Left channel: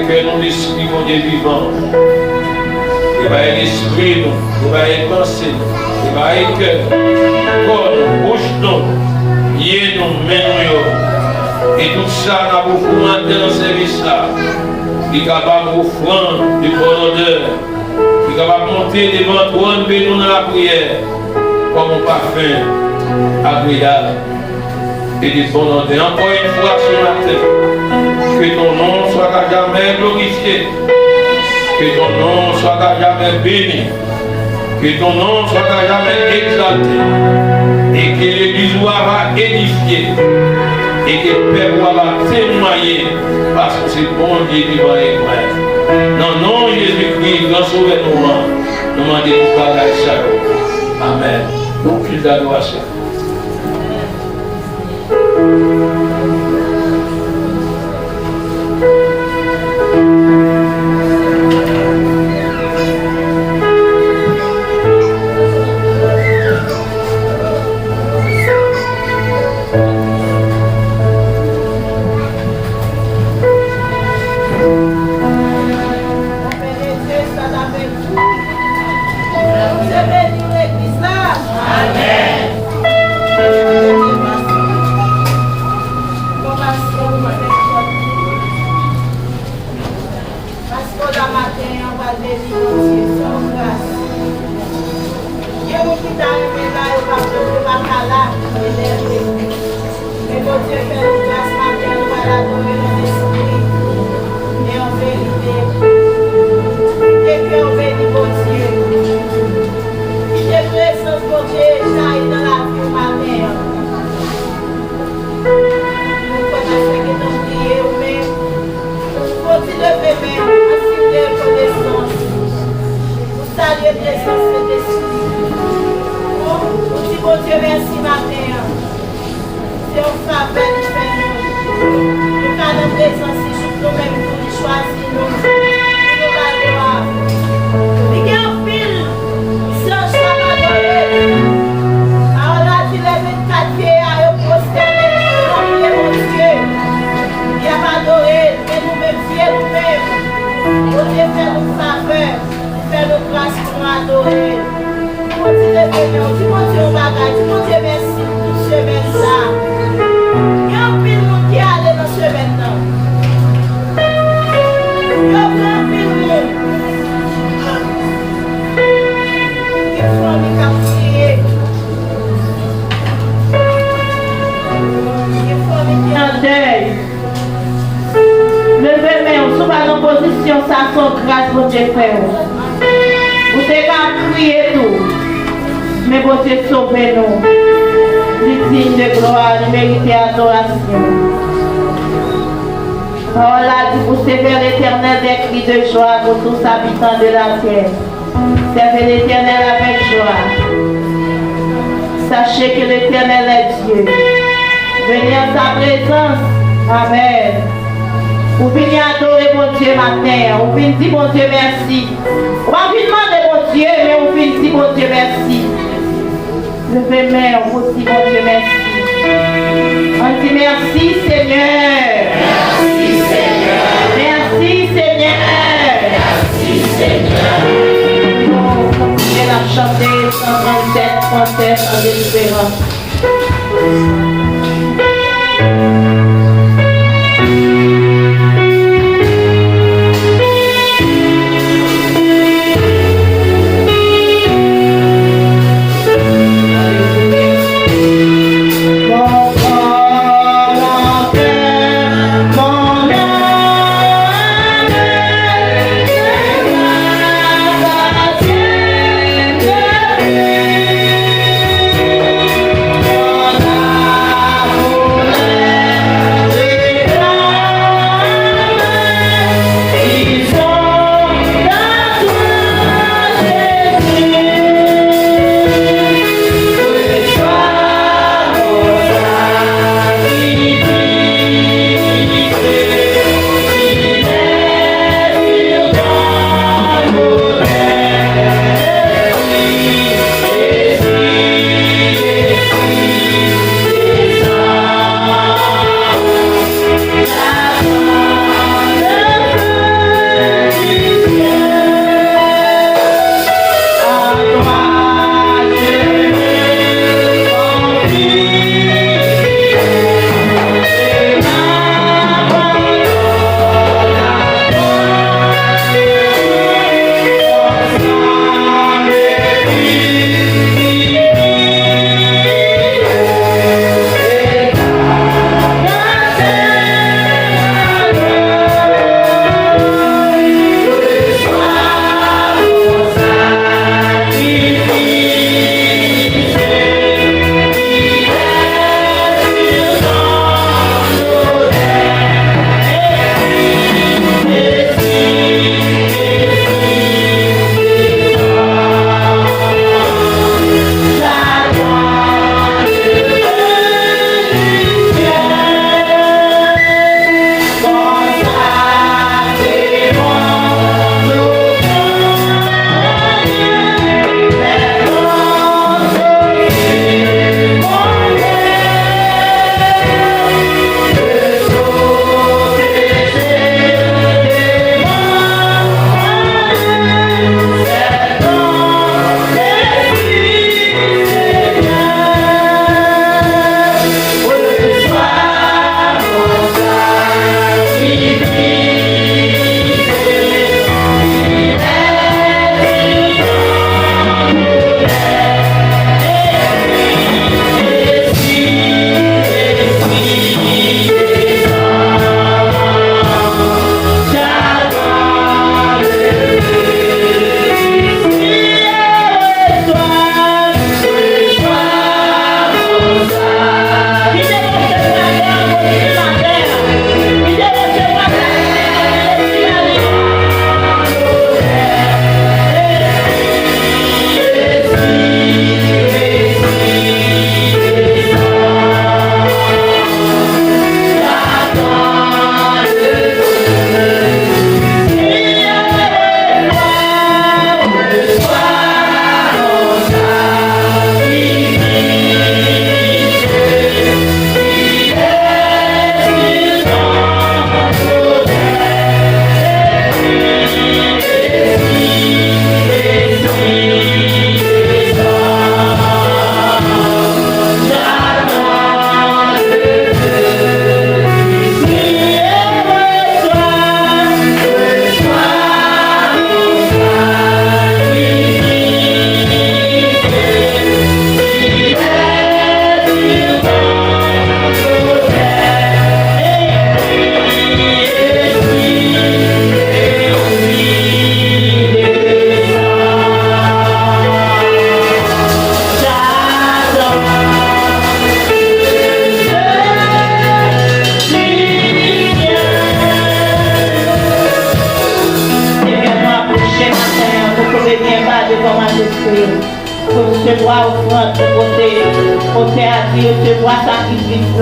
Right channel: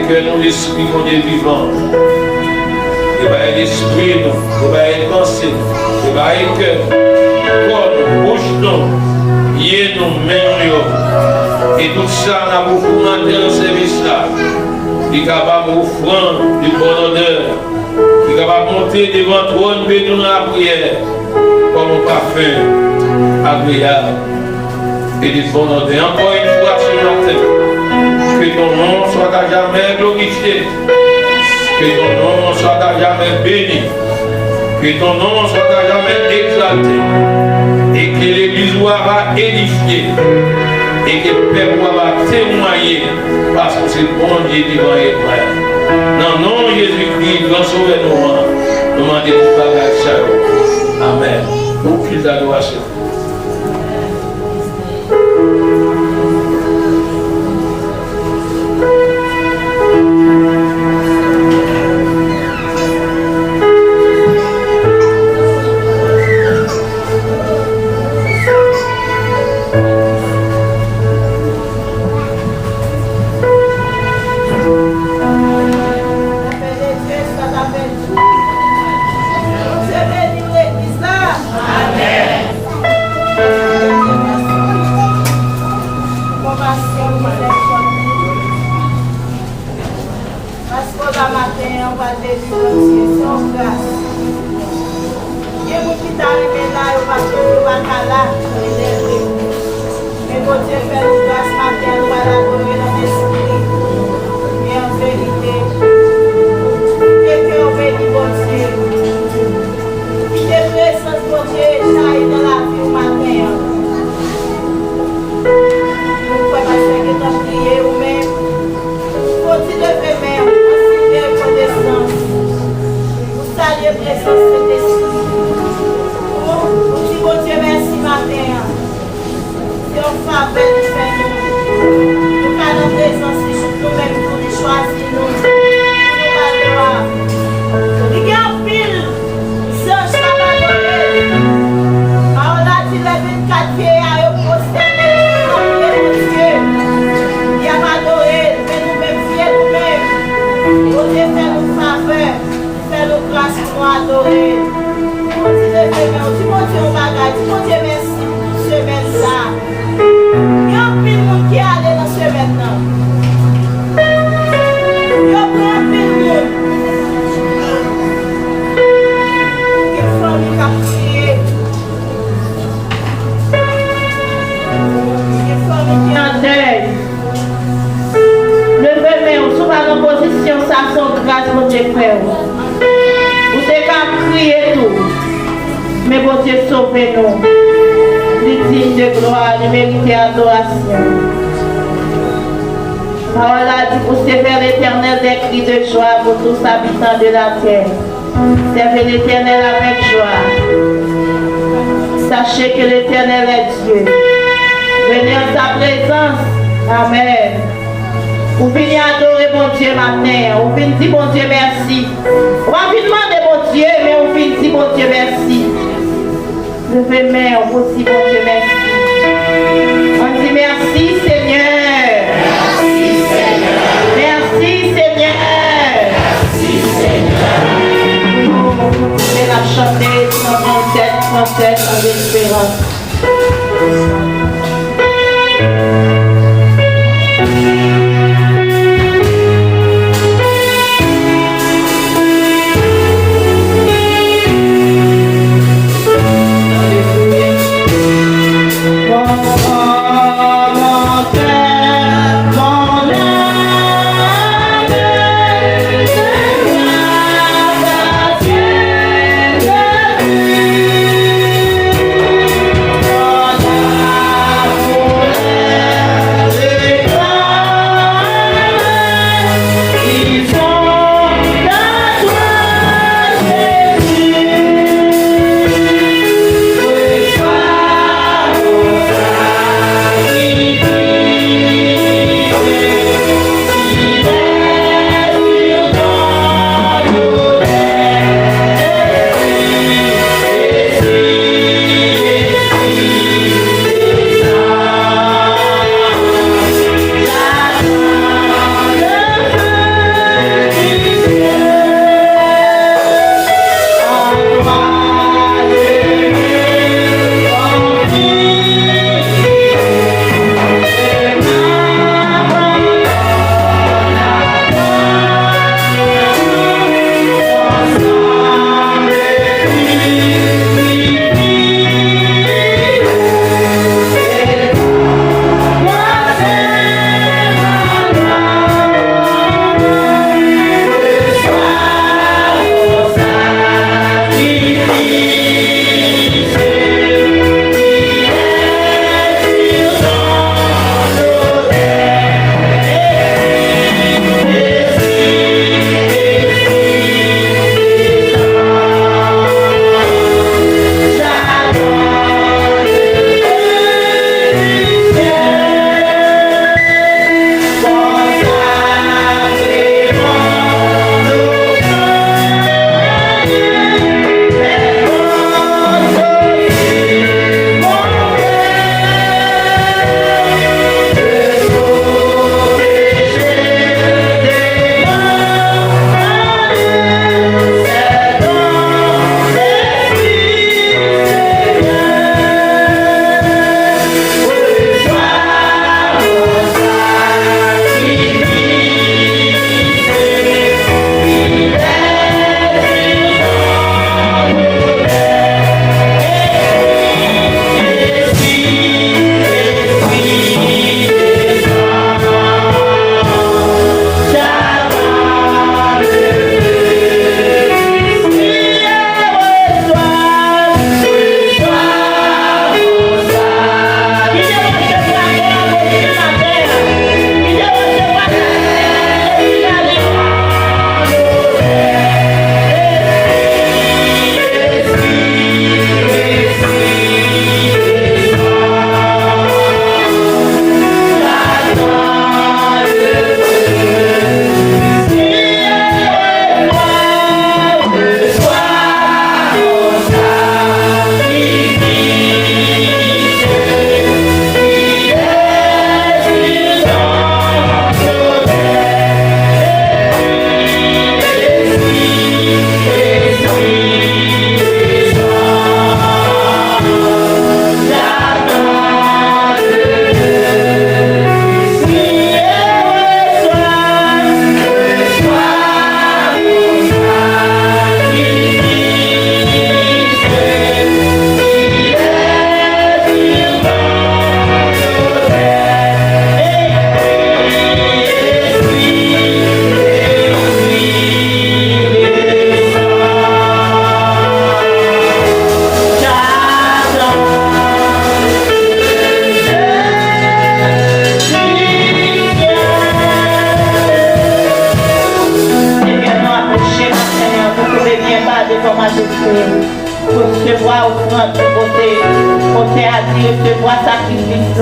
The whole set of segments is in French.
que nous l'esprit mon Dieu vivant. Éveille l'esprit nous, éveille pensée, éveille cœur, corps nous, bouche nous, yeux nous, mains nous. Et tout ça, nous avons beaucoup dans le service là. Qui est capable d'offrir du bon odeur. Qui est capable de monter devant toi, nous dans la prière. Comme un parfum agréable. Et du bon odeur. Encore une fois ce matin. Que ton nom soit à jamais glorifié. Que ton nom soit à jamais béni. Que ton nom soit à jamais exalté. Et que l'Église va édifier. Et que le Père va témoigner. Parce que c'est bon Dieu qui va les frères. Dans le nom de Jésus-Christ, grand sauveur nous demandons pour parler ça. Amen. Mon fils d'adoration. Mon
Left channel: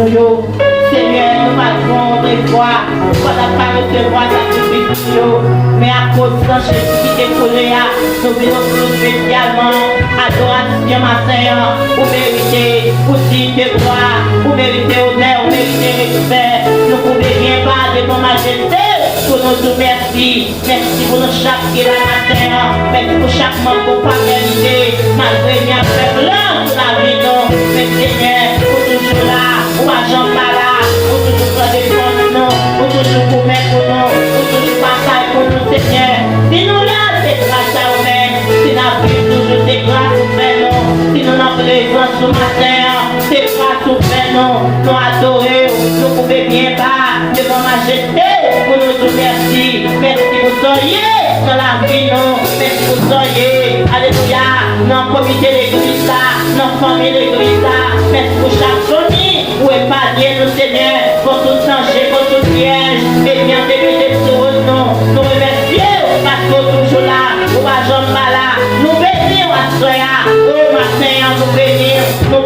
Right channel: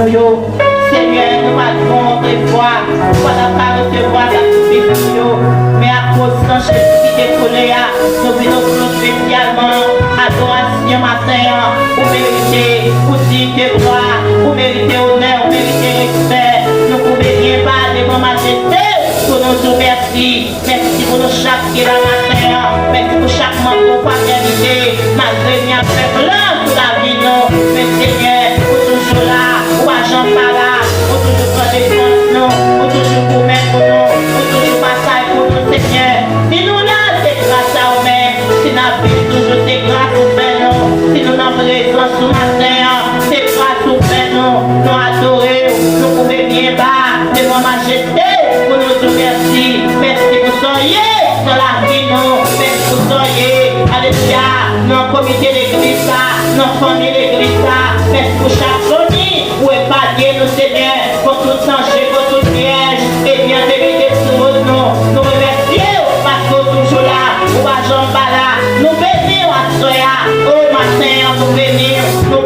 nous. Seigneur, nous avons des voix, nous n'avons pas recevoir sacrifice, mais à cause de Jésus qui est collé, nous venons spécialement adoration matin, pour mériter, pour dire de gloire, pour mériter honneur, pour mériter respect. Nous pouvons rien pas de ton majesté, pour nous dire merci. Merci pour nous chaque qui va matin, merci pour chaque membre pour paternité, malgré bien fait blanc pour la vie, non. Mais Seigneur, pour toujours là, pour agent là, pour toujours prendre des comptes, non, pour toujours pour mettre pour nous, pour toujours passer pour nous, Seigneur. Si nous là, c'est grâce à nous-mêmes, si nous avons toujours des grâces pour faire, non, si nous avons raison ce matin, c'est grâce pour faire, non, nous adorer, nous pouvons bien bas devant majesté, pour nous dire merci, merci pour soyez dans la vie, non, merci pour soyez, alléluia, dans le comité d'église, dans la famille d'église, merci pour chaque famille, pour épargner nos Seigneur, pour tout changer, pour tout piège, et bien vérité sur nous, nous remercions, parce que toujours là, ou à Jean Bala, nous bénissons à Soya, au matin, nous bénissons, nous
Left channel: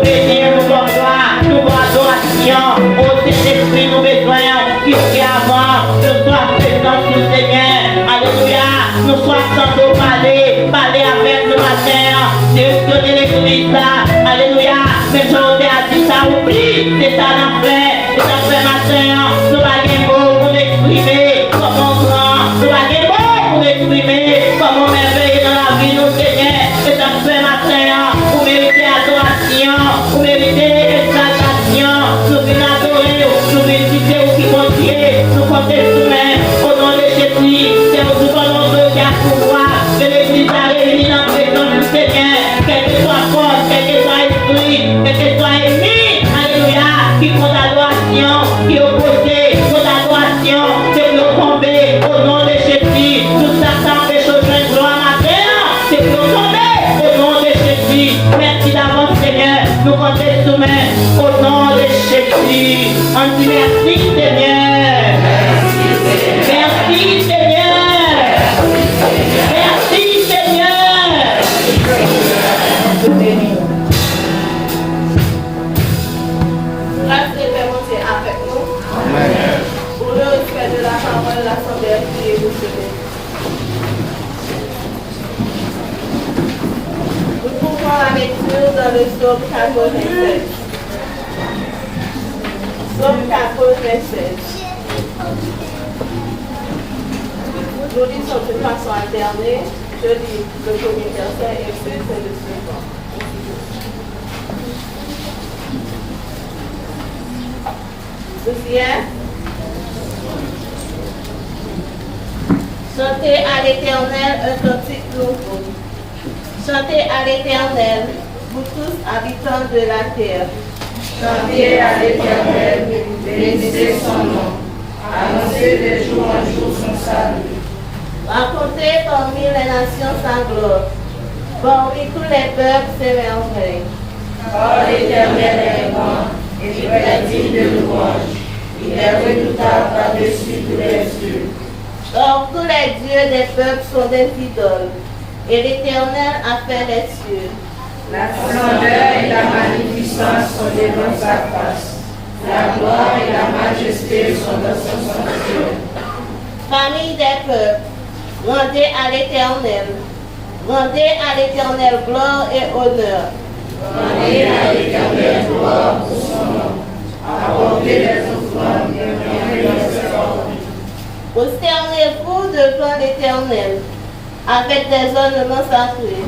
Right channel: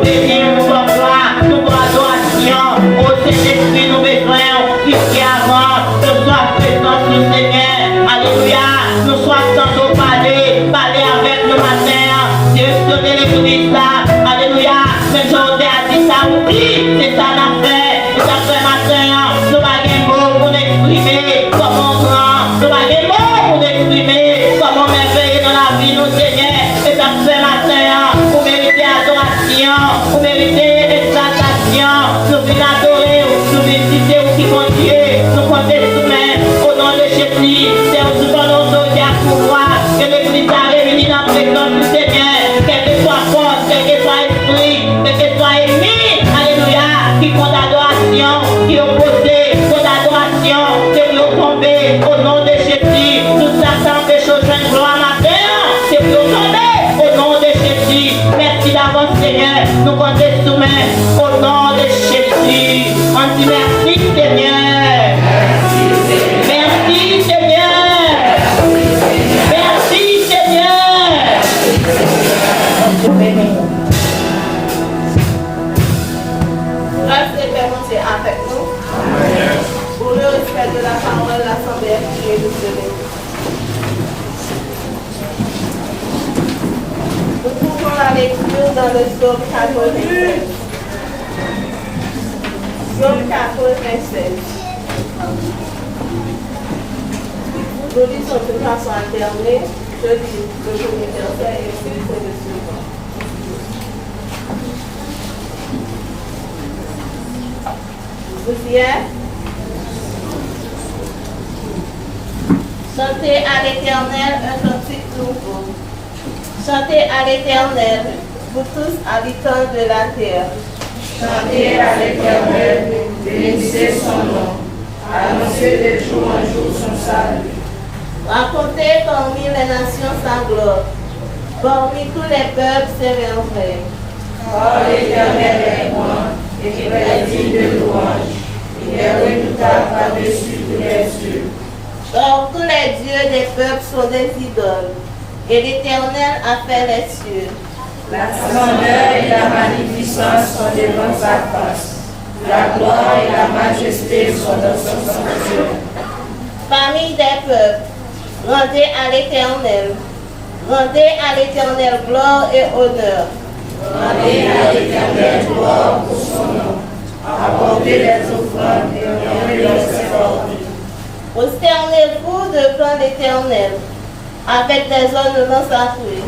gloire, nous adoration, au Saint-Esprit, nous besoin, ici avant, nous soyons présents sur le Seigneur, alléluia, nous soyons sans parler avec nous matin, directionner l'église là, alléluia, mais je vous ai dit ça, oublie, c'est ça la fait, et ça fait matin, nous n'avons pas mots pour exprimer, comment grand, nous n'avons pas mots pour exprimer, comment merveilleux dans la vie, nous Seigneur, et ça fait matin, pour mériter adoration, pour mériter exaltation, nous venons adorer, nous venons citer au qui continue, nous comptons soumettre au nom de Jésus, c'est au souvent nos doses à pouvoir, que l'église a réuni dans la présence du Seigneur, quel que soit force, quel que soit esprit, quel que soit ennemi, alléluia, qui font l'adoration, qui opposent, font l'adoration, c'est qui ont tombé au nom de Jésus, nous attendons des choses de gloire matin, c'est qui ont tombé au nom de Jésus, merci d'avance Seigneur, nous comptons soumettre au nom de Jésus, on dit merci Seigneur, merci Seigneur, merci Seigneur, on te bénit. Grâce et Père, monter avec nous. Pour le respect de la parole, l'Assemblée a prié nous donner. Nous pouvons la lecture dans le psaume 96. Psaume 96. Nous lisons de façon alternée. Je lis le premier verset et c'est le suivant. Chantez à l'Éternel un cantique nouveau. Chantez à l'Éternel, vous tous habitants de la terre. Chantez à l'Éternel, bénissez son nom. Annoncez de jour en jour son salut. Racontez parmi les nations sa gloire. Parmi tous les peuples ses merveilles. Car l'Éternel est grand et très digne de louange. Il est redoutable par-dessus tous les cieux. Or tous les dieux des peuples sont des idoles, et l'Éternel a fait les cieux. La splendeur et la magnificence sont devant sa face. La gloire et la majesté sont dans son sanctuaire. Famille des peuples, rendez à l'Éternel. Rendez à l'Éternel gloire et honneur. Rendez à l'Éternel gloire pour son nom. Apportez les offrandes et honorez les offrandes. Prosternez-vous devant l'Éternel, avec des ornements sacrés.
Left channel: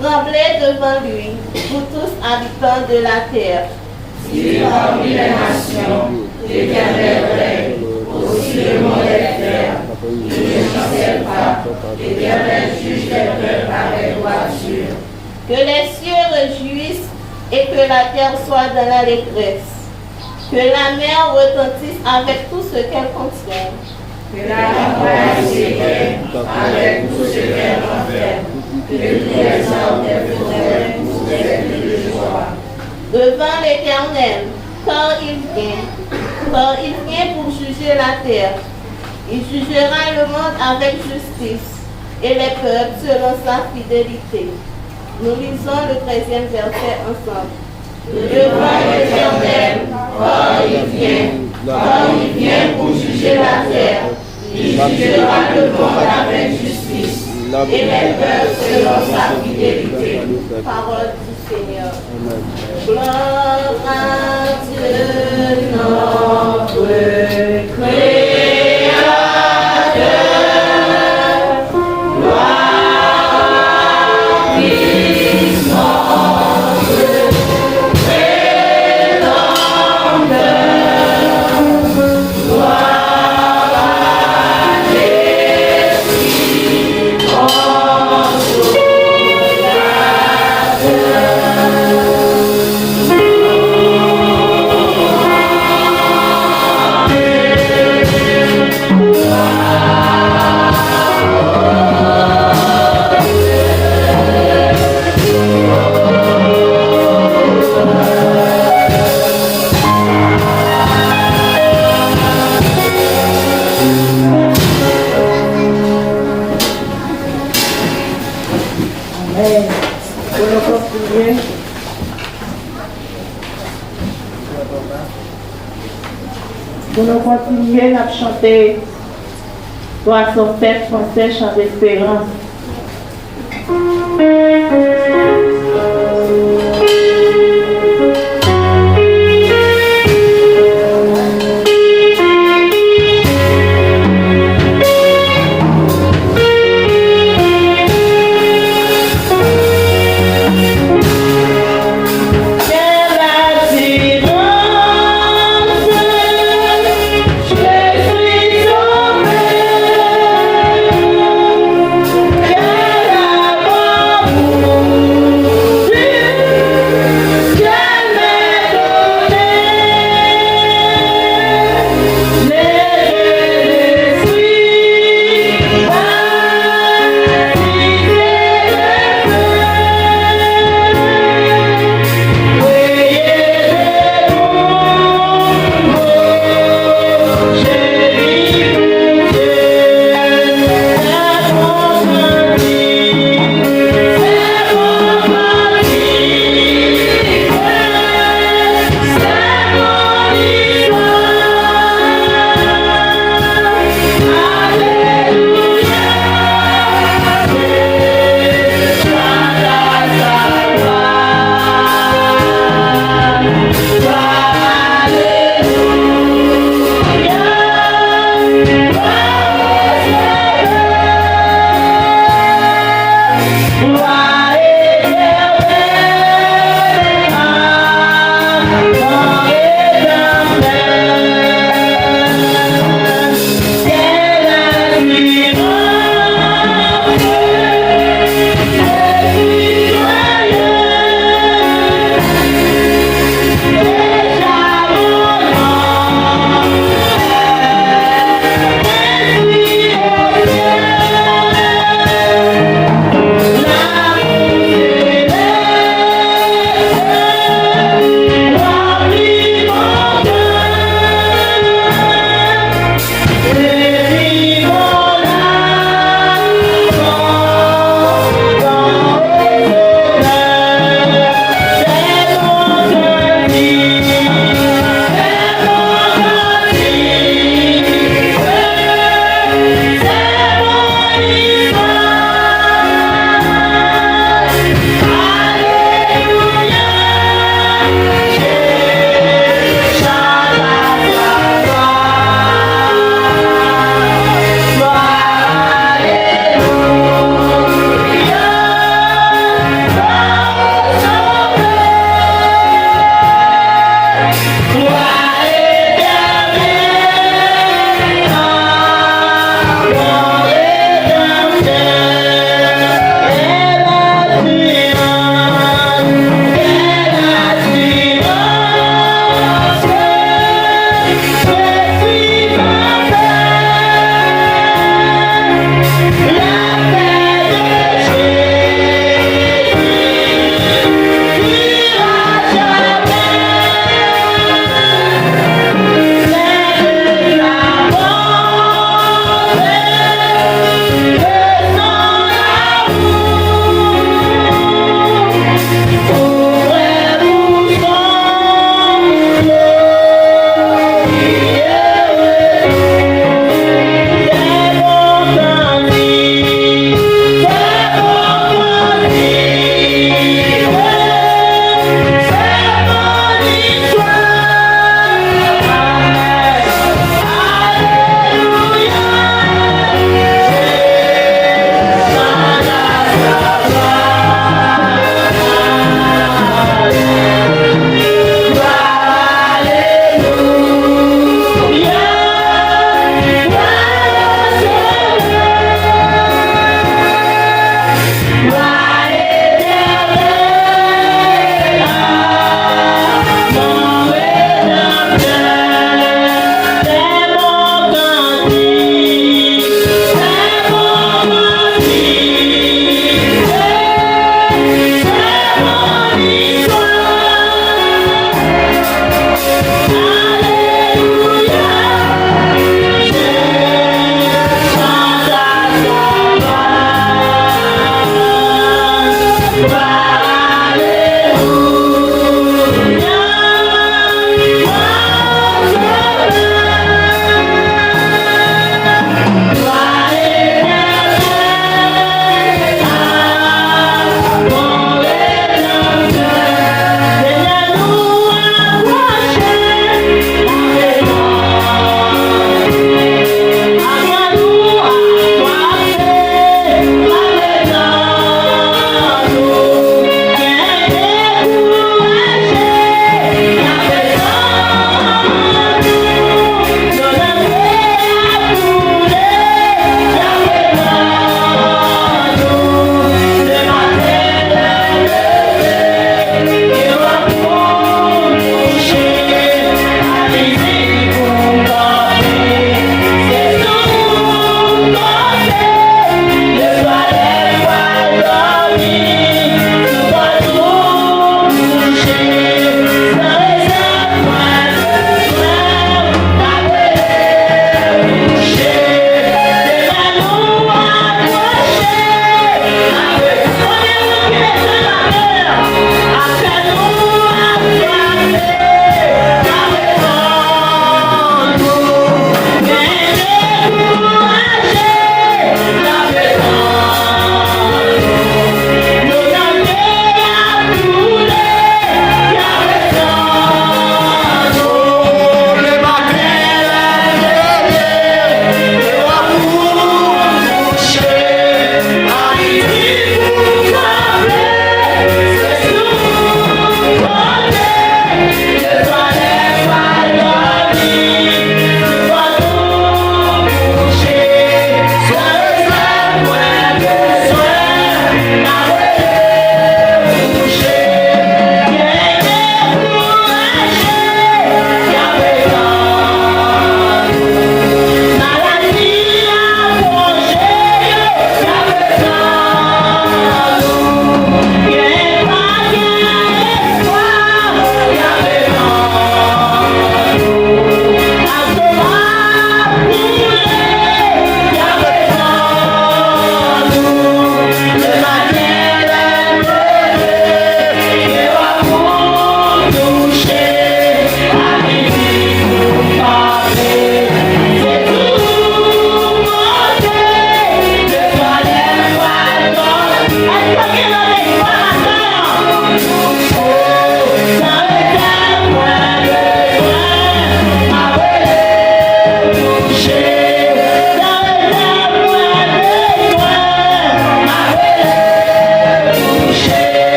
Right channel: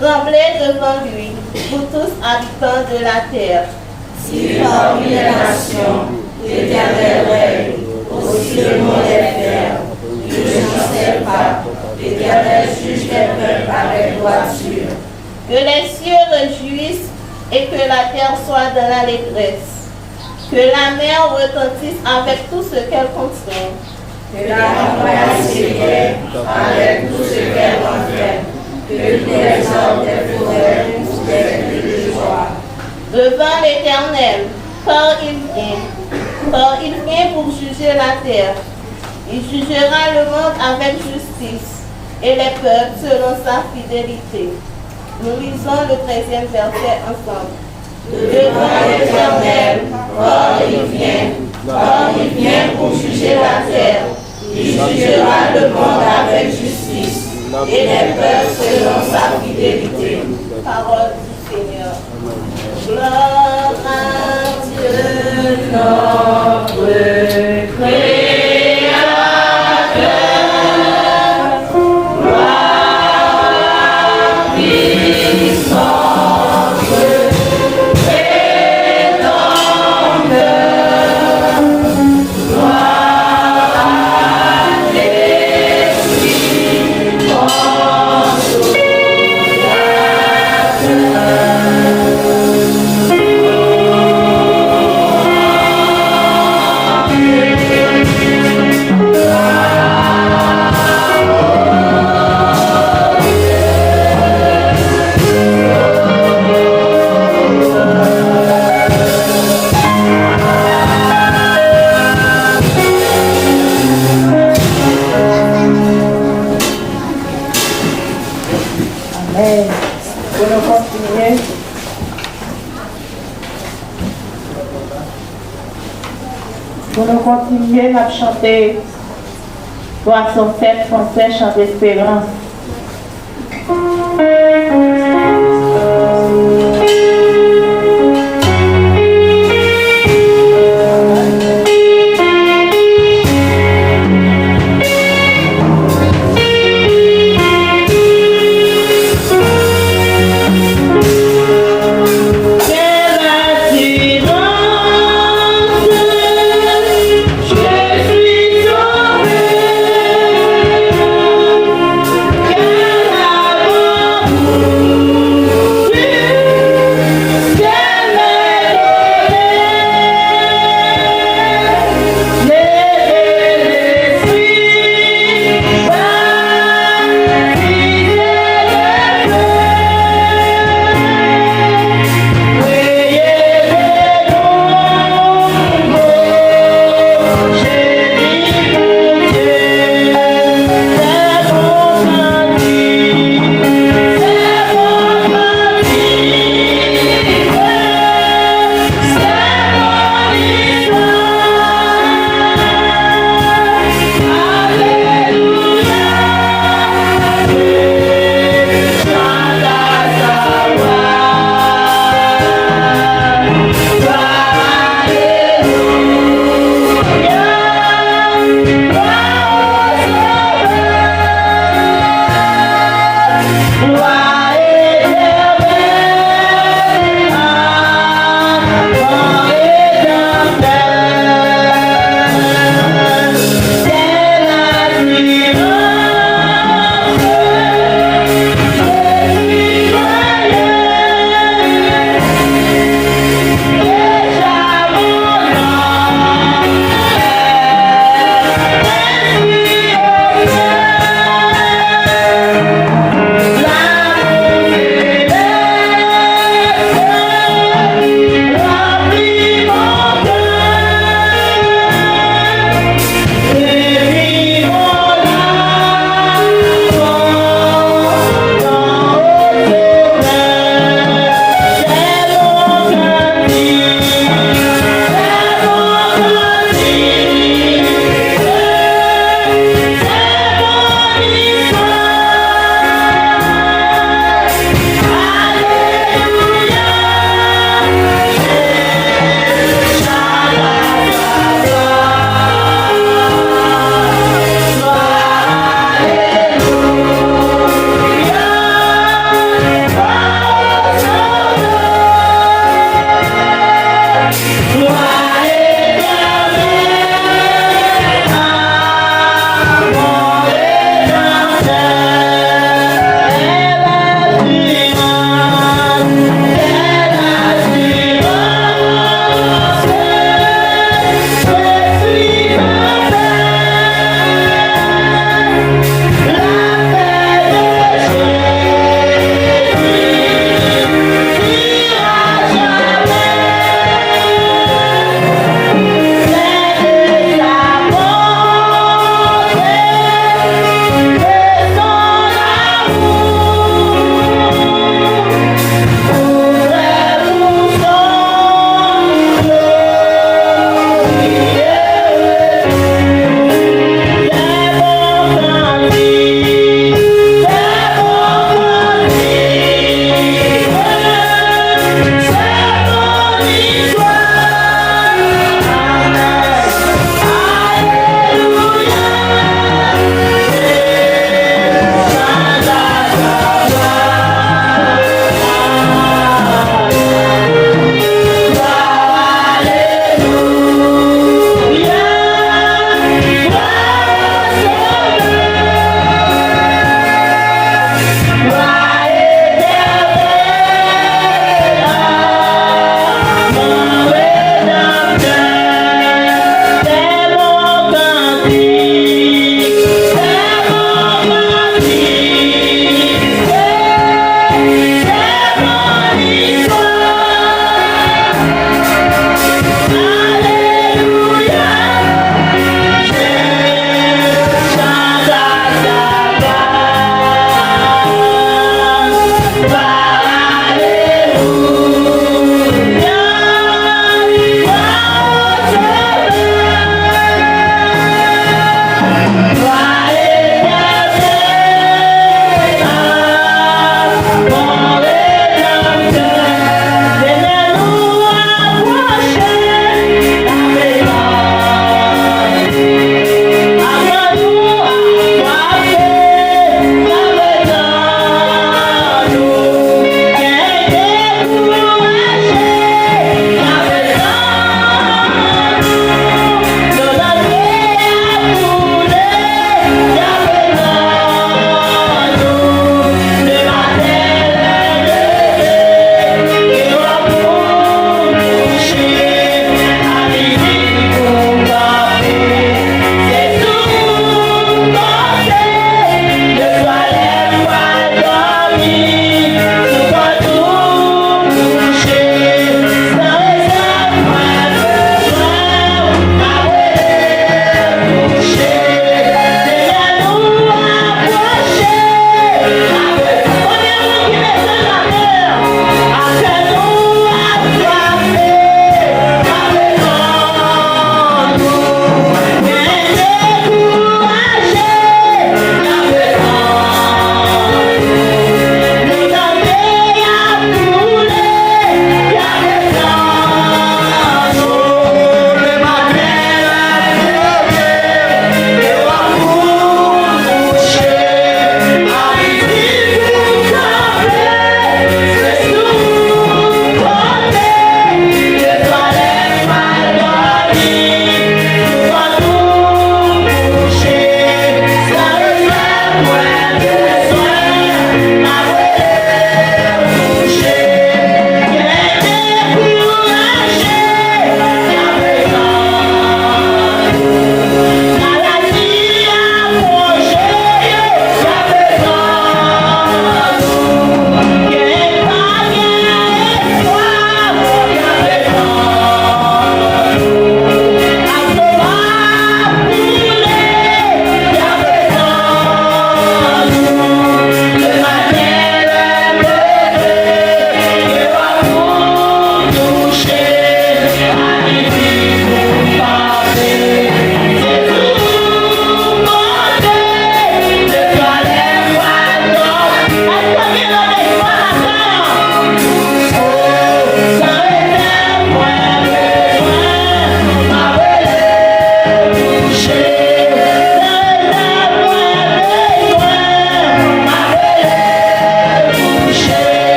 Tremblez devant lui, vous tous habitants de la terre. Si parmi les nations, l'Éternel règne, aussi le monde est fier, il ne chancelle pas, l'Éternel juge les peuples avec droiture. Que les cieux réjouissent et que la terre soit dans l'allégresse. Que la mer retentisse avec tout ce qu'elle contient. Que la montagne s'éveille avec tout ce qu'elle contient. Que tous les arbres des forêts poussent des cris de joie. Devant l'Éternel, car il vient pour juger la terre. Il jugera le monde avec justice et les peuples selon sa fidélité. Nous lisons le 13e verset ensemble. Devant l'Éternel, Car il vient pour juger la terre. Il jugera le monde avec justice et les peuples selon sa fidélité. Parole du Seigneur. Gloire à Dieu, notre Créateur. Gloire à puissance étendue. Gloire à l'Esprit consolateur. Amen. Pour nous continuer. Pour nous continuer à chanter Poisson fête français, chant d'espérance. Thank you.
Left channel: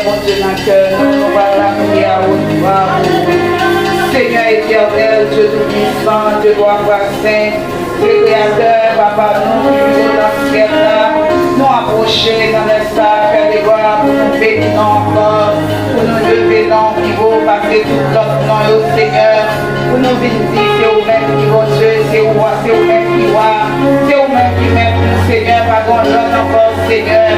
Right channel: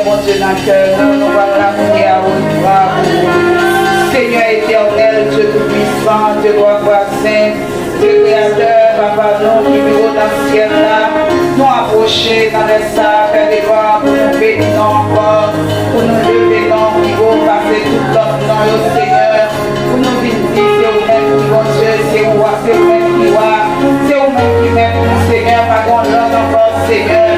Seigneur, mon Dieu, dans le cœur, nous voilà prier à vous. Seigneur éternel, Dieu tout-puissant, Dieu roi saint, Dieu créateur, papa, nous qui vivons dans le ciel là, nous approcher dans les sacs, Père de gloire, pour nous bénir encore, pour nous lever dans le niveau, passer tout notre nom au Seigneur, pour nous visiter, c'est vous-même qui vont Dieu, c'est vous-même qui voit, c'est vous-même qui met pour nous, Seigneur, pas qu'on l'homme encore, Seigneur.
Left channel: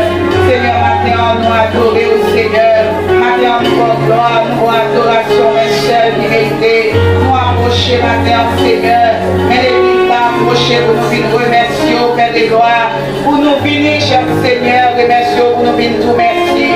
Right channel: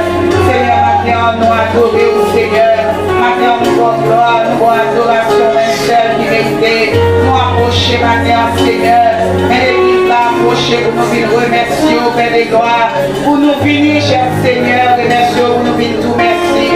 Seigneur, maintenant, nous adorer au Seigneur, maintenant, nous pour gloire, nous pour adoration, un seul qui mérite, nous approcher maintenant, Seigneur, mais l'église va approcher pour nous venir remercier au Père des gloires, pour nous venir, cher Seigneur, remercier pour nous venir tout merci,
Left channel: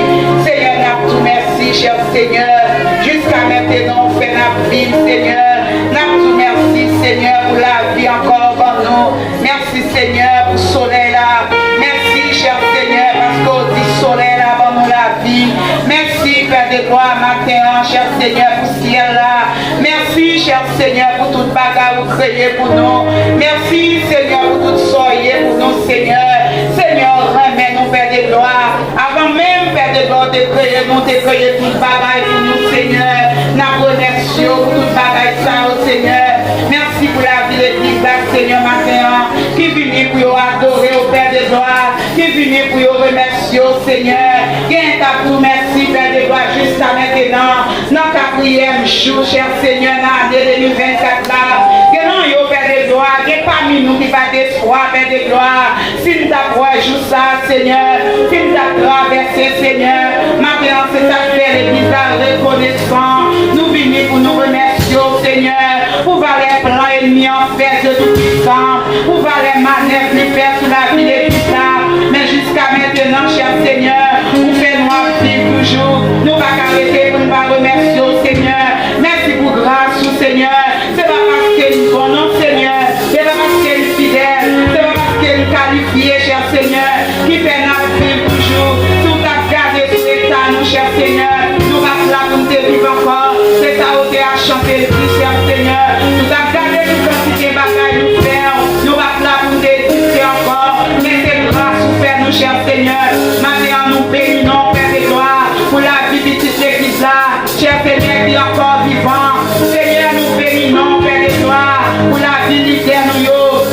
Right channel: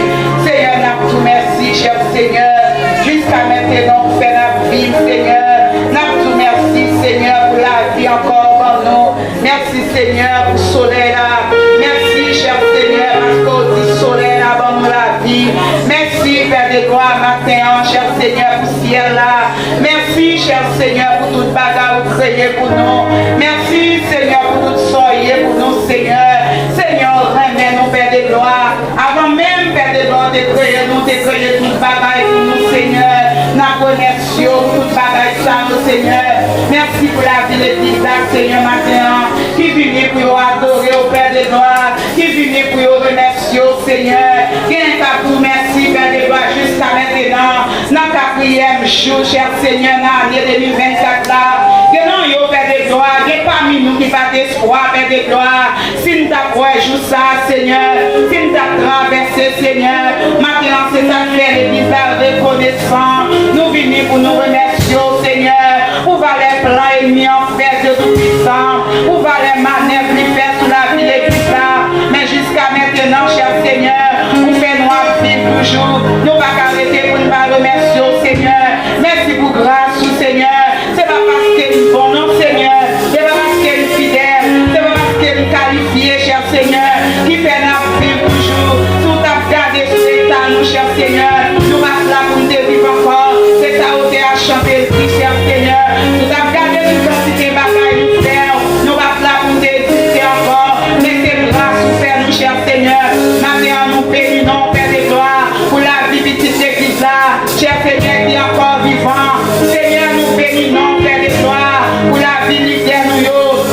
Seigneur, nous tout merci, cher Seigneur, jusqu'à maintenant, nous faisons la vie, Seigneur, nous tout merci, Seigneur, pour la vie encore dans nous, merci, Seigneur, pour le soleil là, merci, cher Seigneur, parce qu'au dit soleil là, dans nous la vie, merci, Père des gloires, matin, cher Seigneur, pour le ciel là, merci, cher Seigneur, pour toute bagarre que vous créez pour nous, merci, Seigneur, pour toute soirée pour nous, Seigneur, Seigneur, remets-nous, Père des gloires, avant même, Père des gloires, de créer, nous, de créer toute bagaille pour nous, Seigneur, nous remercions pour toute bagaille ça, Seigneur, merci pour la vie de l'église, Seigneur, matin, qui vient pour adorer au Père des gloires, qui vient pour remercier au Seigneur, qui est à vous, merci, Père des gloires, jusqu'à maintenant, dans ta prière, jour, cher Seigneur, dans l'année 2024 là, que non, yo, Père des gloires, que parmi nous qui va d'espoir, Père des gloires, si nous t'avons jour ça, Seigneur, si nous t'avons traversé, Seigneur, maintenant c'est ta faire l'église reconnaissant, nous venons pour nous remercier, Seigneur, pour voir les plans ennemis en fait de tout puissant, pour voir les manœuvres lui faire sous la vie de l'église là, mais jusqu'à maintenant, cher Seigneur, vous faites nous vivre toujours, nous ne pas arrêter pour nous remercier, Seigneur, merci pour grâce, Seigneur, c'est pas parce que nous bon, non, Seigneur, c'est pas parce que nous fidèles, c'est pas parce que nous qualifiés, cher Seigneur, qui fait nous vivre toujours, tout à garder sur l'état, nous, cher Seigneur, nous restons là pour nous vivre encore, c'est ça où tu as chanté, cher Seigneur, nous avons gardé une quantité de bagailles, nous faire, nous restons là pour nous exister encore, laissez grâce pour faire nous, cher Seigneur, maintenant nous bénissons, Père des gloires, pour la vie petite église là, cher Seigneur, qui est encore vivant, Seigneur, nous bénissons, Père des gloires, pour la vie libère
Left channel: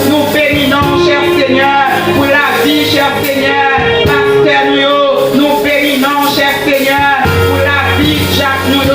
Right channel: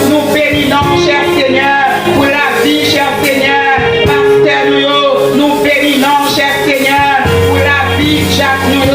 nous bénissons, cher Seigneur, pour la vie, cher Seigneur, pasteur nous bénissons, cher Seigneur, pour la vie, Jacques nous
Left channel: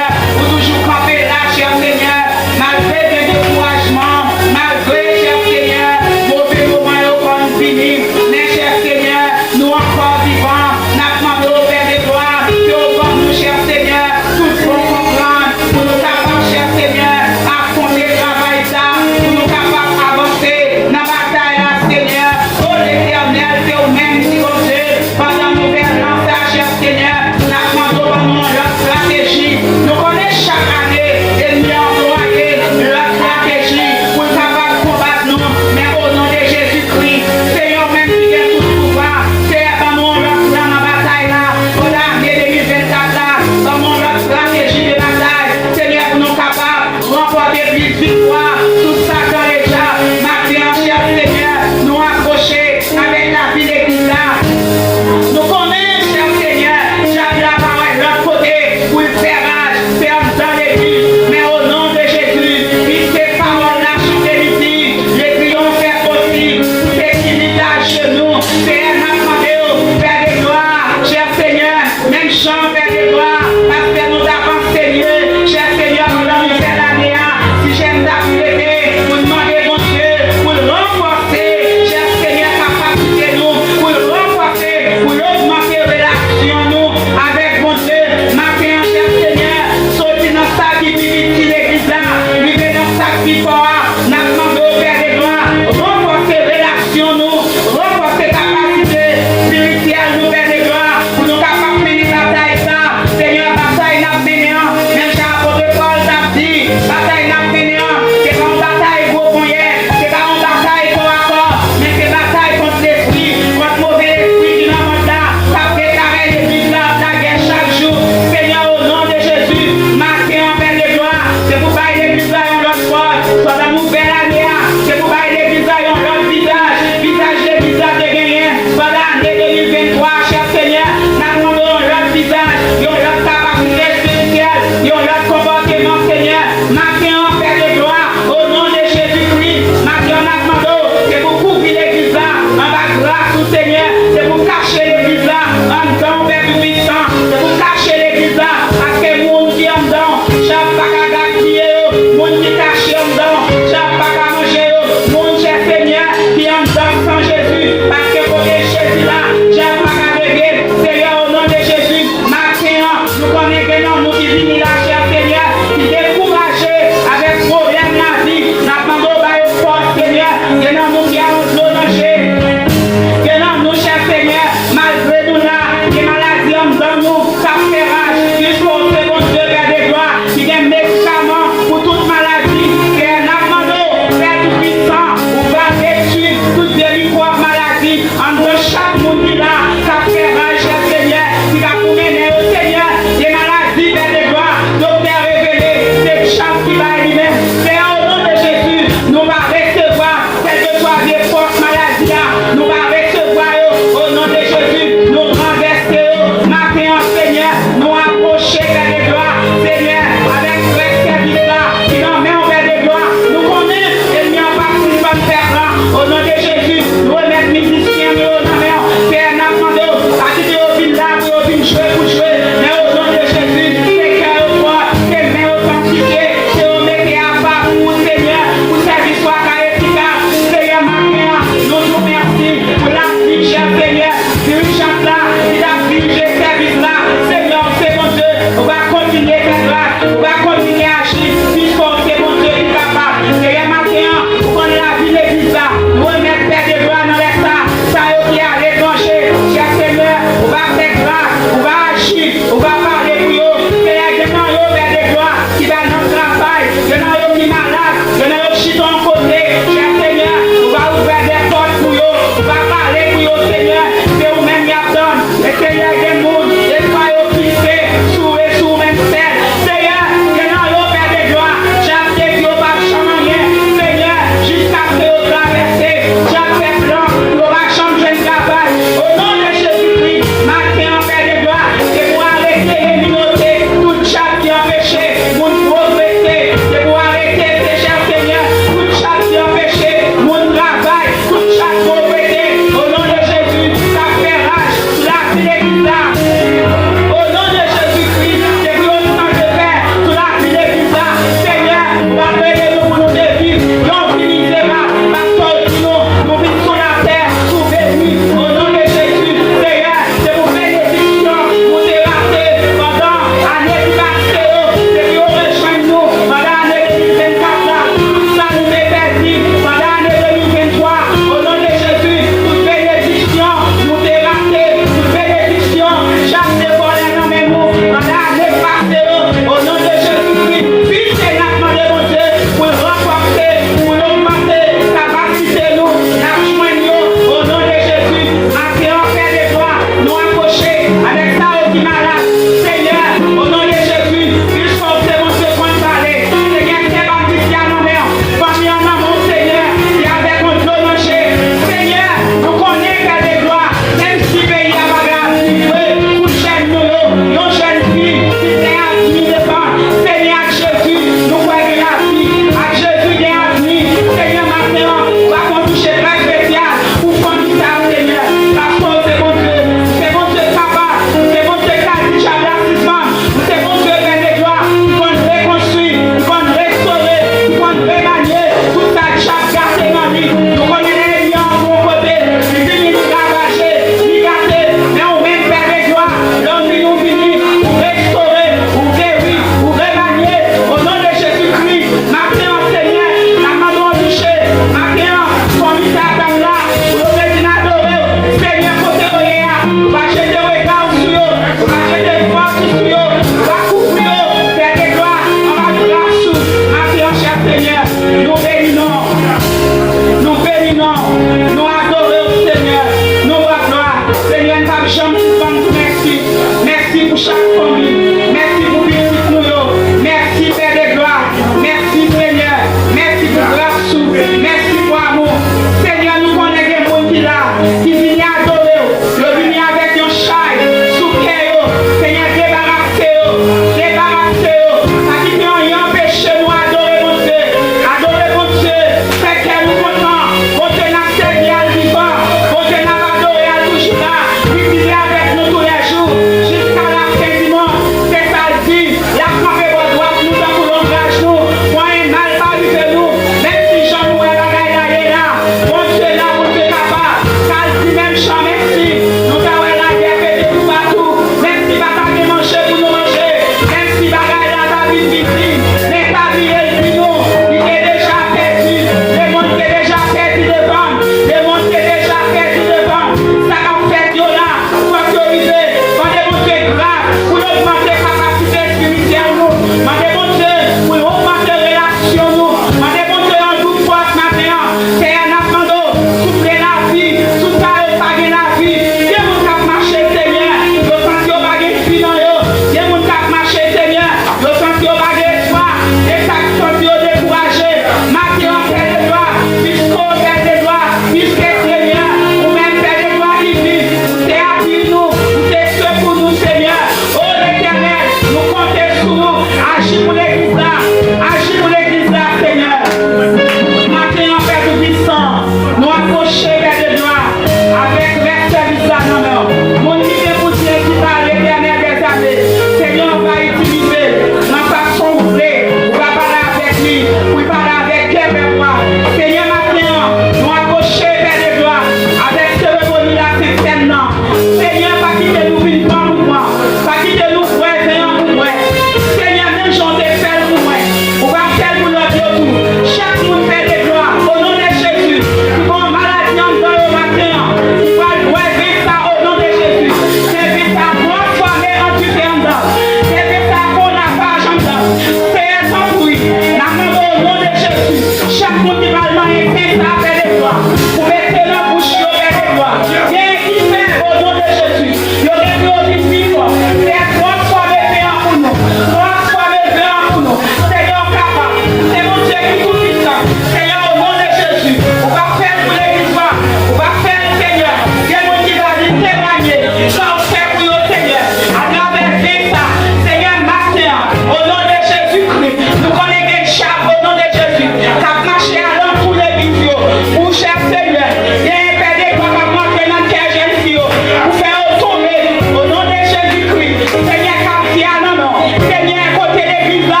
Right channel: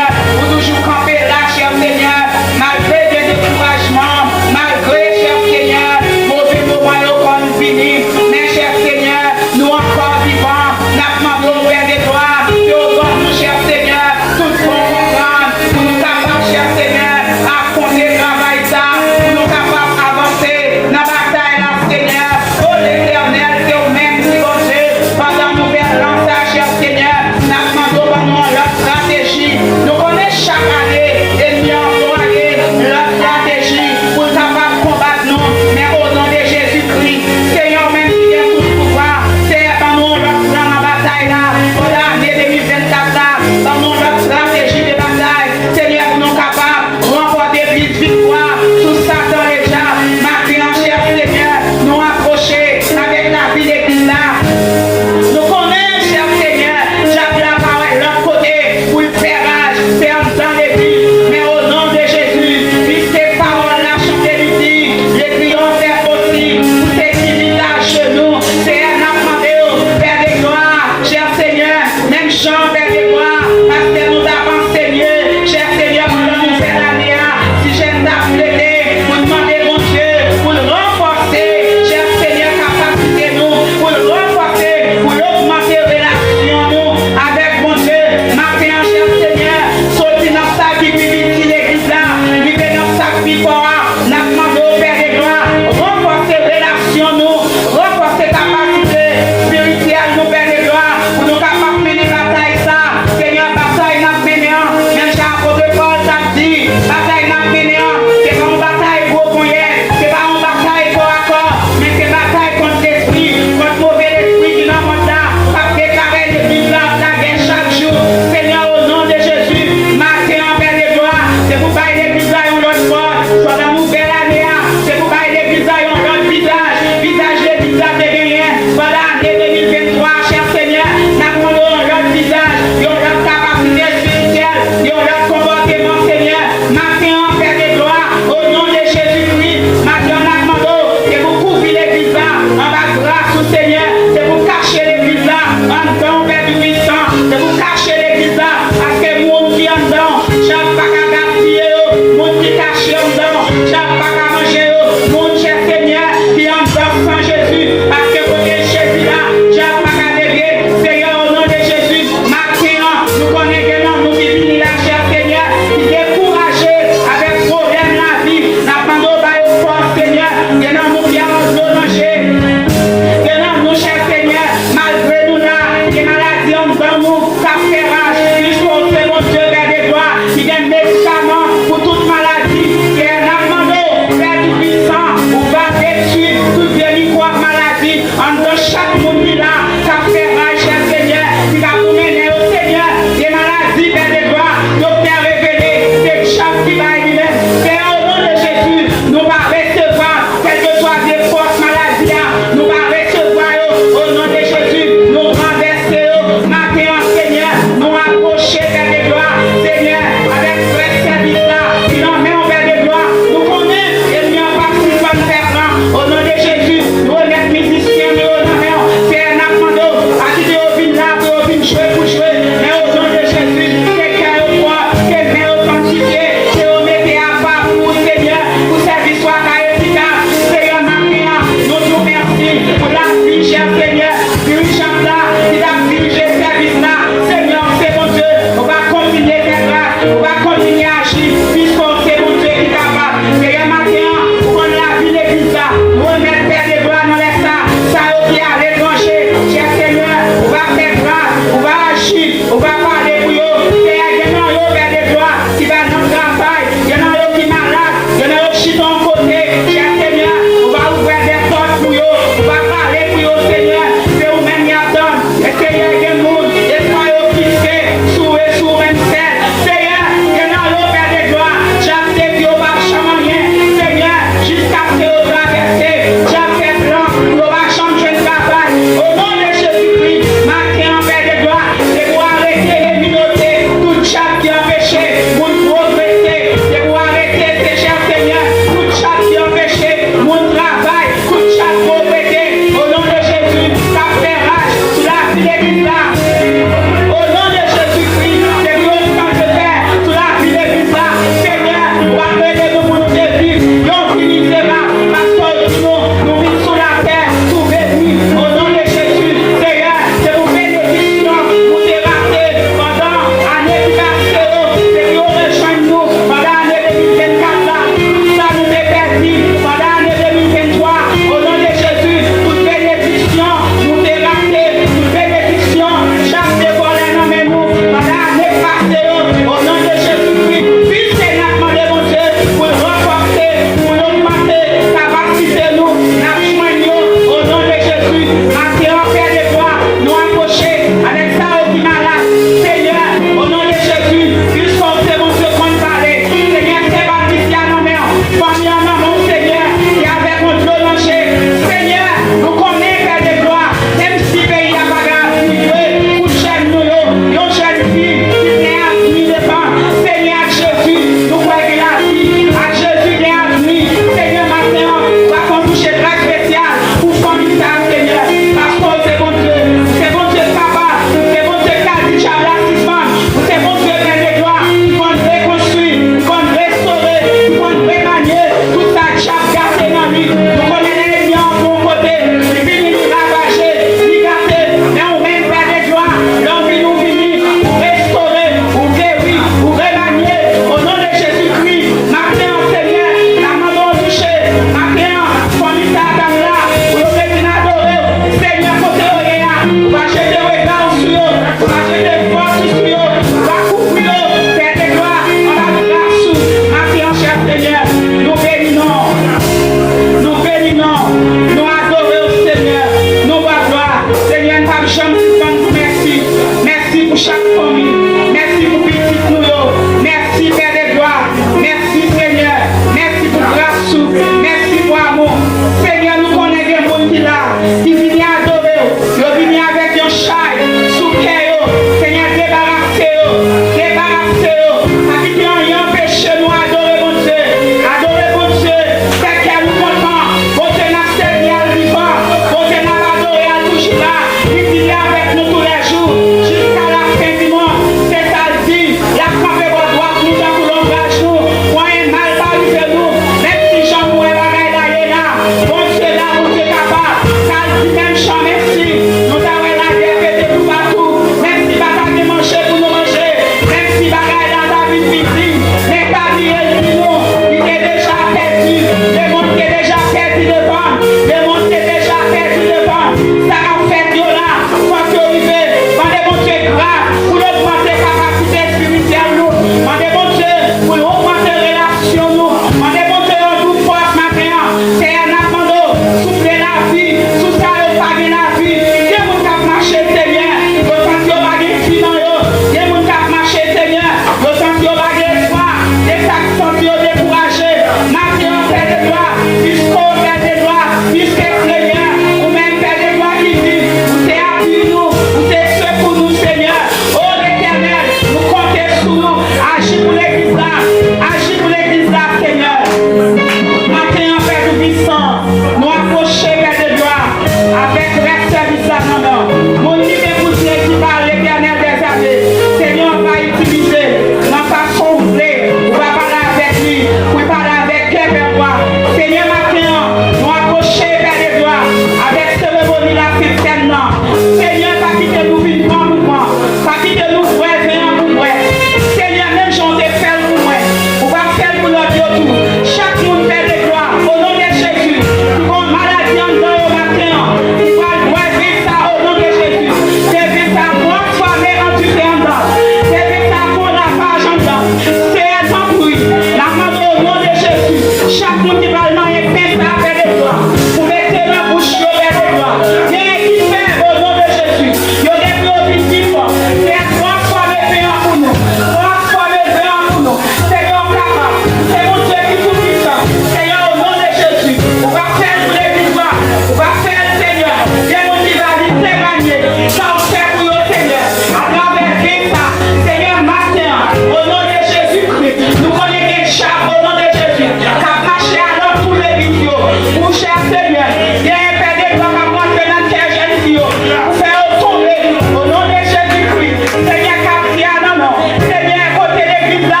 Ça vous fait pour le Seigneur. À travers ça, Seigneur, matin, au nom de Jésus-Christ, nous connaissons des chats au nom de Jésus. Cap marché alors tous les vidéos. Pour cher Seigneur, il y a un père de gloire à moi que notre cœur jeune fille. Pour faire tomber au nom de Jésus-Christ. Seigneur, cap qui a non, Seigneur, côté l'église là,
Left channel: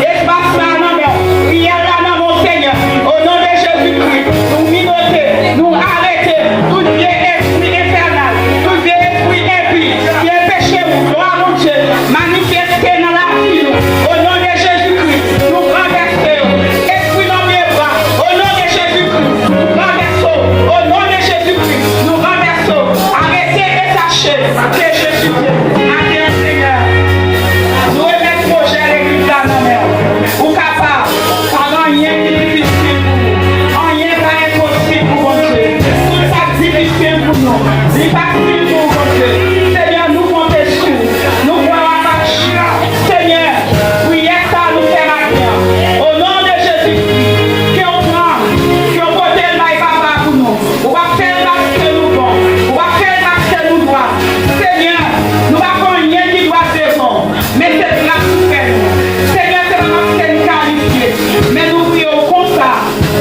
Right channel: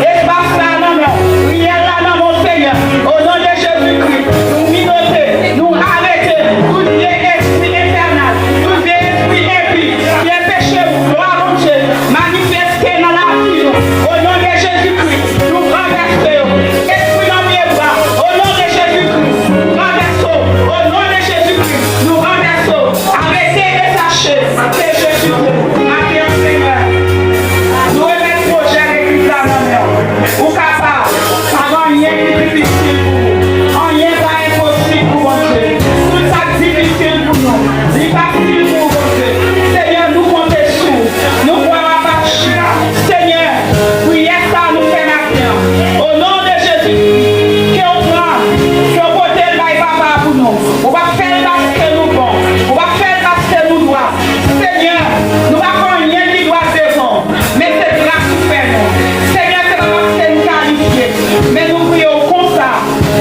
espace là, non, rien là, non, mon Seigneur. Au nom de Jésus-Christ, nous minoter, nous arrêter, tout bien esprit infernal, tout bien esprit impie, bien péché, gloire à Dieu, manifester dans la vie, au nom de Jésus-Christ, nous renversons, esprit dans mes bras, au nom de Jésus-Christ, nous renversons, au nom de Jésus-Christ, nous renversons, arrêtez et sachez que je suis Dieu, à Seigneur. Nous remettons prochain l'église à nos mères, ou capable, pendant rien qui est difficile pour nous, rien pas impossible pour Dieu, tout ça difficile pour nous, c'est pas facile pour Dieu. Seigneur, nous comptons sur vous, nous croyons pas chier. Seigneur, prière ça nous fait maintenant. Au nom de Jésus, qu'on prend, qu'on côté le bail papa pour nous. On va faire parce que nous bon, on va faire parce que nous doit. Seigneur, nous va prendre rien qui doit faire bon, mais c'est grâce pour faire. Seigneur, c'est parce que nous qualifions, mais nous prions comme ça,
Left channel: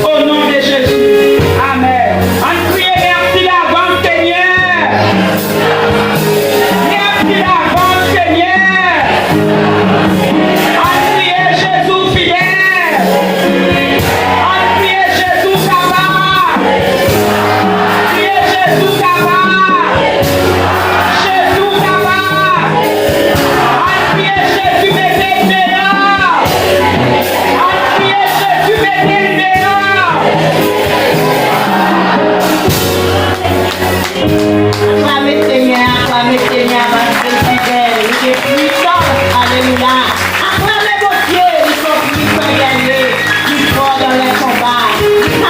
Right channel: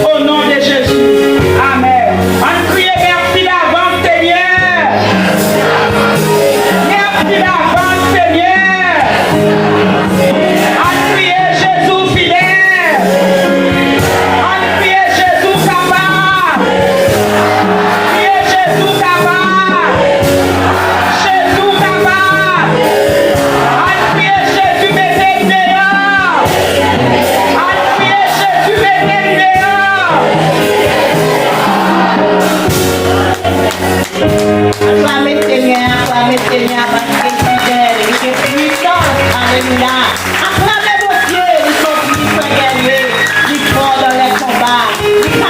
au nom de Jésus. Amen. On prie merci avant Seigneur. Merci avant Seigneur. On prie Jésus fidèle. On prie Jésus capable. Prie Jésus capable. Jésus capable. On prie Jésus météo. On prie Jésus météo. Acclamez Seigneur, parce que c'est fidèle, il est puissant, alléluia. Acclamez vos dieux, ils sont puissants, guerriers, ils font dans les combats.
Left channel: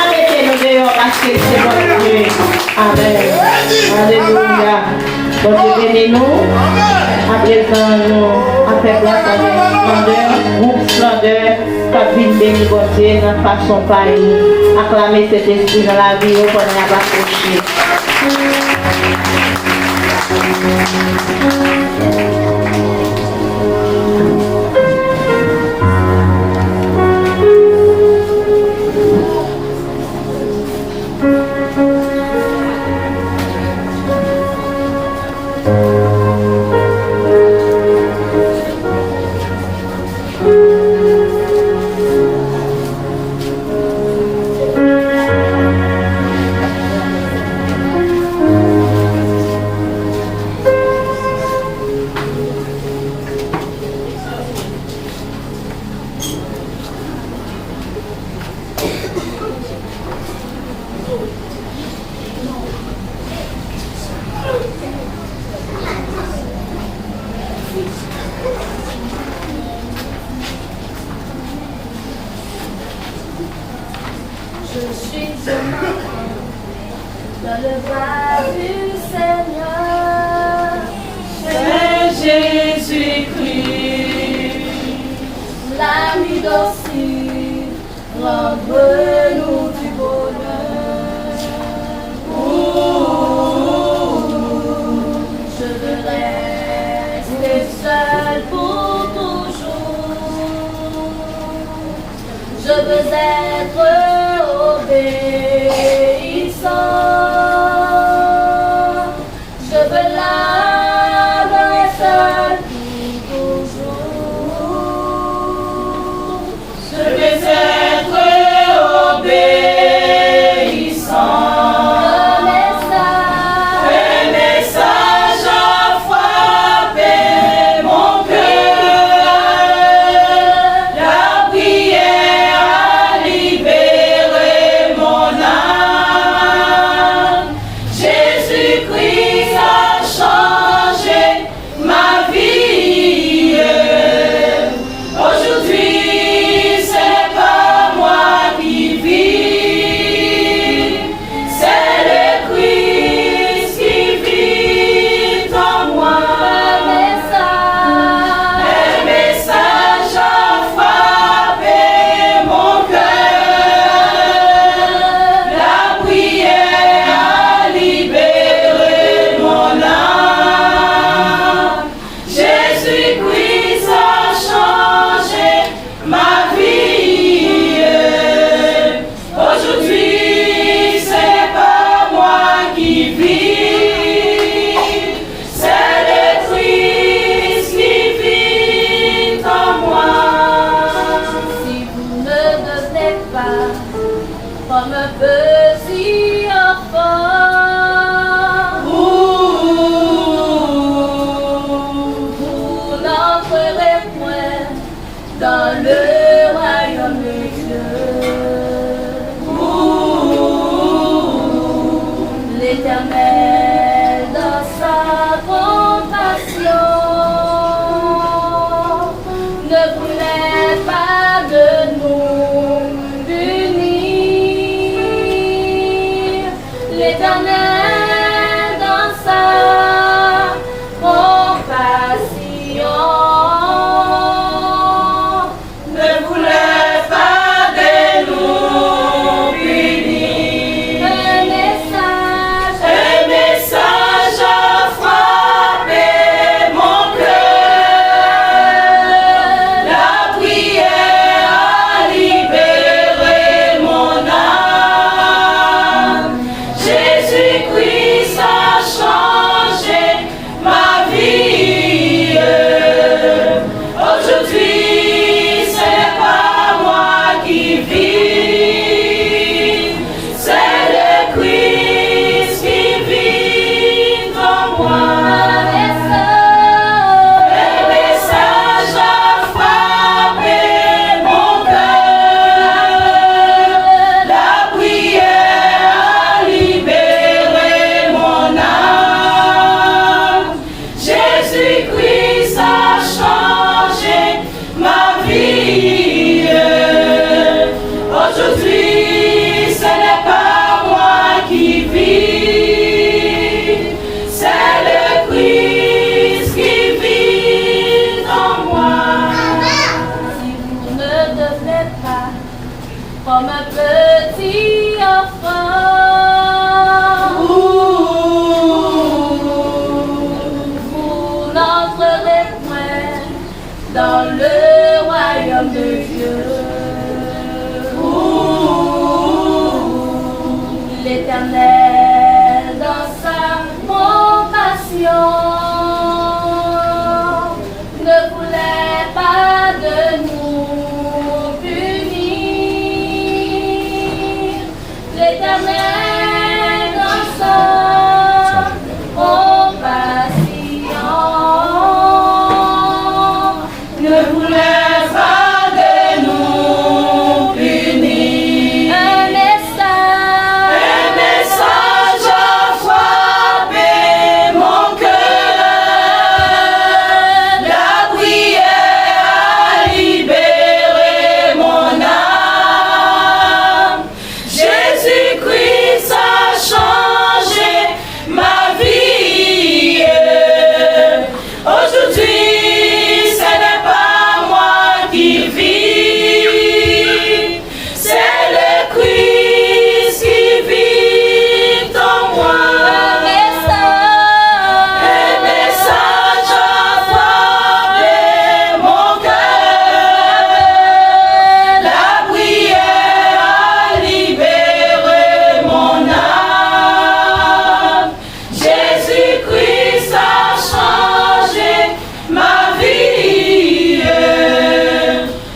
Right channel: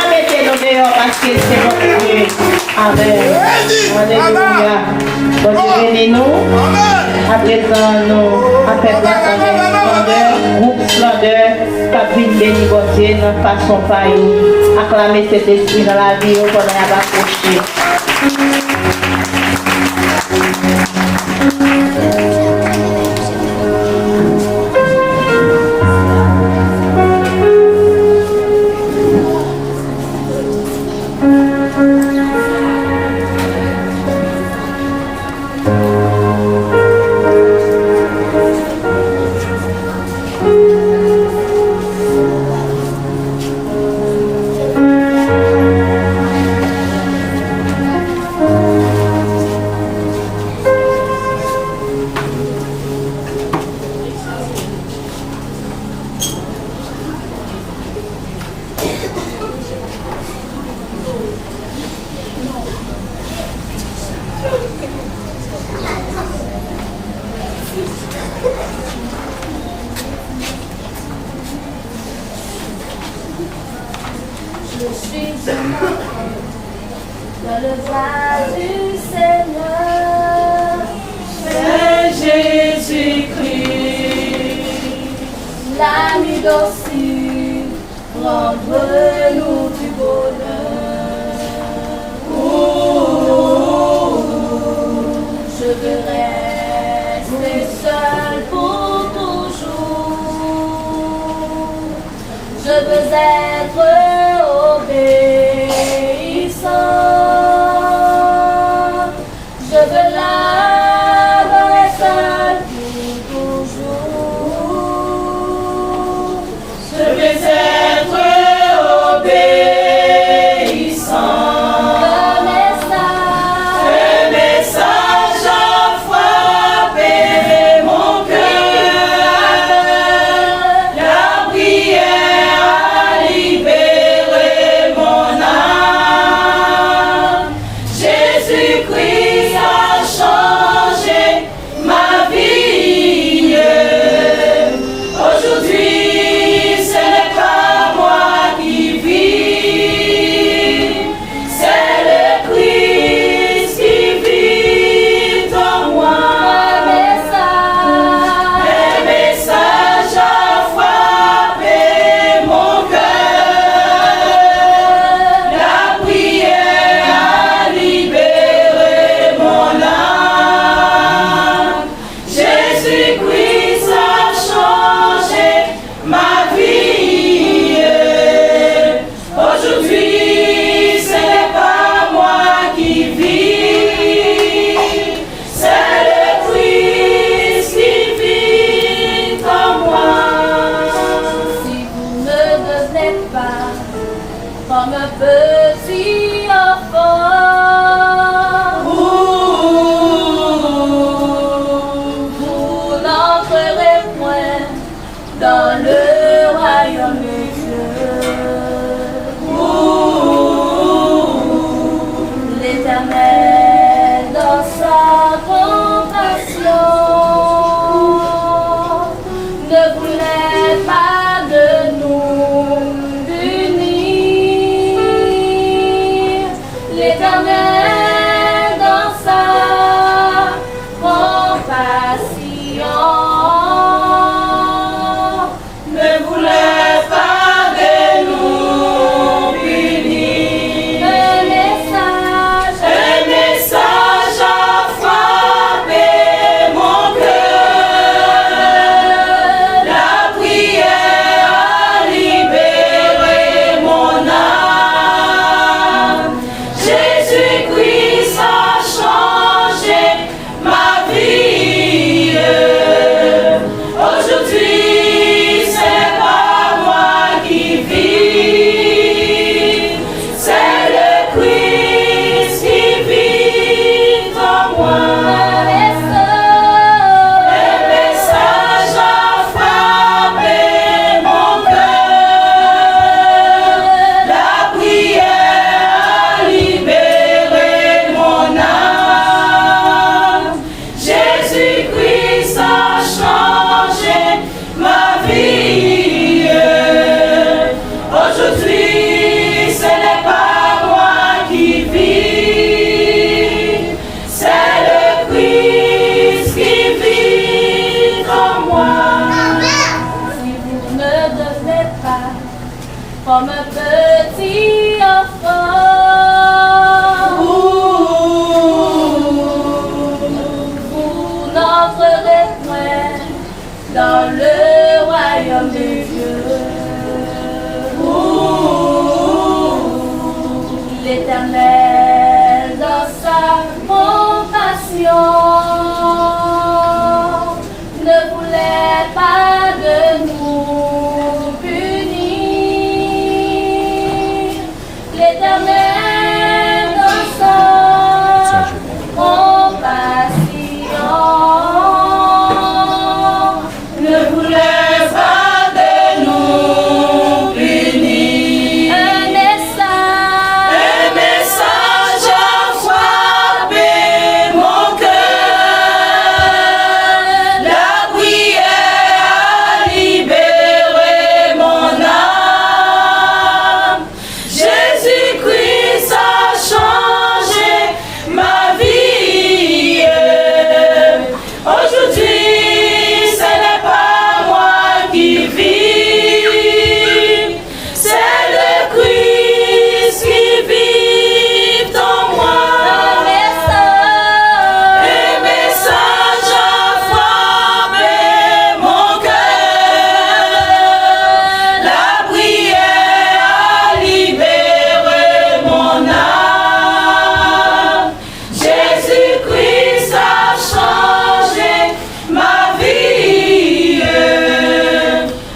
Arrêtez-le dehors parce que c'est votre Dieu. Amen. Alléluia. Bon Dieu, bénis-nous. À présent, nous, après grâce à splendeur, groupe splendeur, capine béni, bon Dieu, dans façon pareille. Acclamez cet esprit dans la vie, on va approcher. Je suis demain dans le voie du Seigneur. C'est Jésus-Christ, l'ami docile, rendre-nous du bonheur. Je veux rester seul pour toujours. Je veux être obéissant. Je veux l'avoir seul pour toujours. Je veux être comme un petit enfant. Vous n'entrerez point dans le royaume de Dieu. L'Éternel dans sa compassion ne voulait pas de nous punir. L'Éternel dans sa compassion ne voulait pas de nous punir. Un message a frappé mon cœur. La prière a libéré mon âme. Jésus-Christ a changé ma vie. Aujourd'hui, c'est pas moi qui vis, c'est le Christ qui vit en moi. Un message a frappé mon cœur. La prière a libéré mon âme. Jésus-Christ a changé ma vie. Aujourd'hui, ce n'est pas moi qui vis, c'est le Christ qui vit en moi. Si vous ne devenez pas comme un petit enfant, vous n'entrerez point dans le royaume de Dieu. L'Éternel dans sa compassion ne voulait pas de nous punir. L'Éternel dans sa compassion ne voulait pas de nous punir. Un message a frappé mon cœur. La prière a libéré mon âme. Jésus-Christ a changé ma vie. Aujourd'hui, ce n'est pas moi qui vis, c'est le Christ qui vit en moi. Un message a frappé mon cœur. La prière a libéré mon âme. Jésus-Christ a changé ma vie.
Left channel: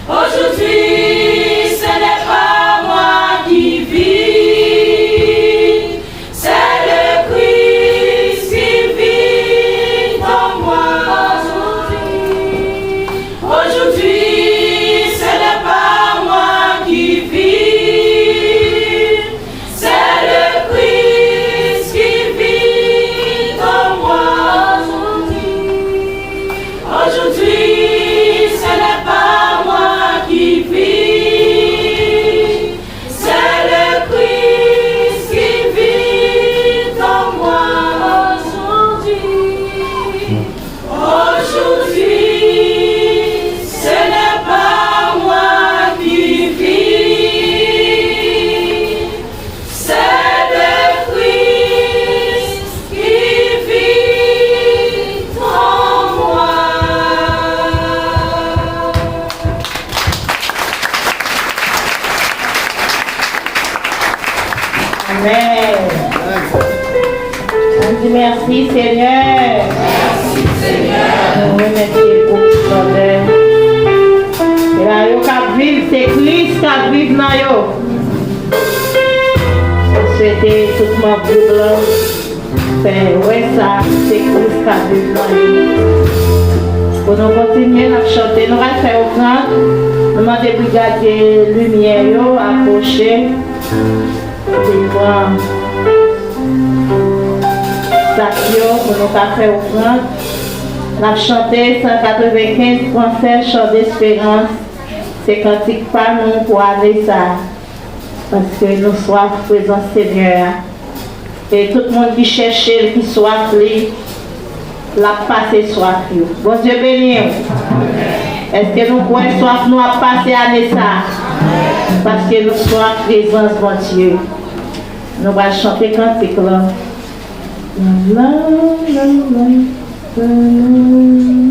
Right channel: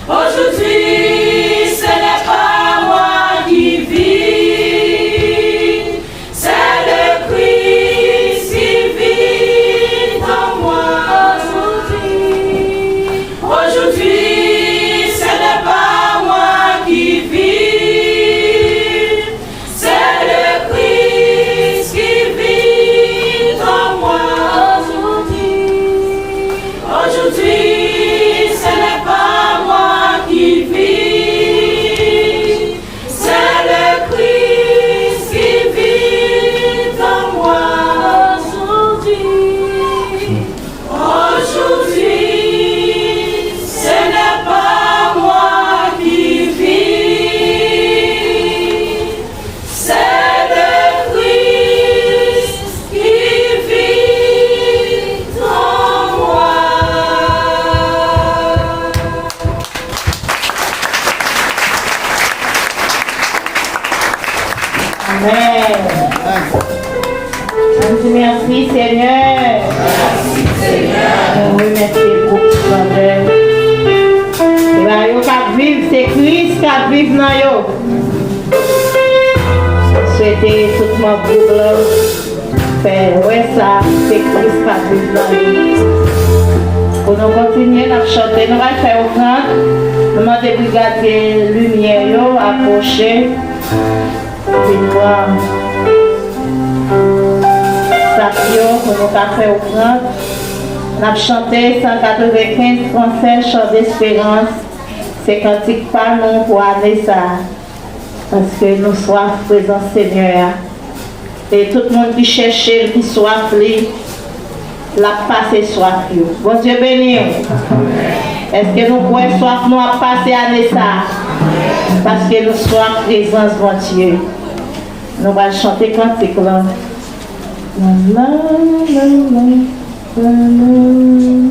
Aujourd'hui, ce n'est pas moi qui vis, c'est le Christ qui vit en moi. Aujourd'hui, ce n'est pas moi qui vis, c'est le Christ qui vit en moi. Aujourd'hui, ce n'est pas moi qui vis, c'est le Christ qui vit en moi. Aujourd'hui, ce n'est pas moi qui vis, c'est le Christ qui vit en moi. Amen. On dit merci Seigneur. Merci Seigneur. On remercie pour ton œuvre. Et là, yo qui vivent, c'est Christ qui vive dans yo. souhaiter tout le monde de blanc. Ouais, ça, c'est Christ qui a besoin. Pour nous continuer à chanter, nous allons faire offrande. Nous allons des brigades lumière approcher. Puis prendre ça pour nous faire offrande. Nous allons chanter 195 concerts, chant d'espérance. C'est cantique pas nous pour aller ça. Parce que nous soif présents Seigneur. Et tout le monde qui cherche, qui soif, la passe soif. Bon Dieu béni. Est-ce que nous pouvons soif nous à passer à ça? Parce que nous soif présence, bon Dieu. Nous allons chanter cantique là. La, la, la, la, la.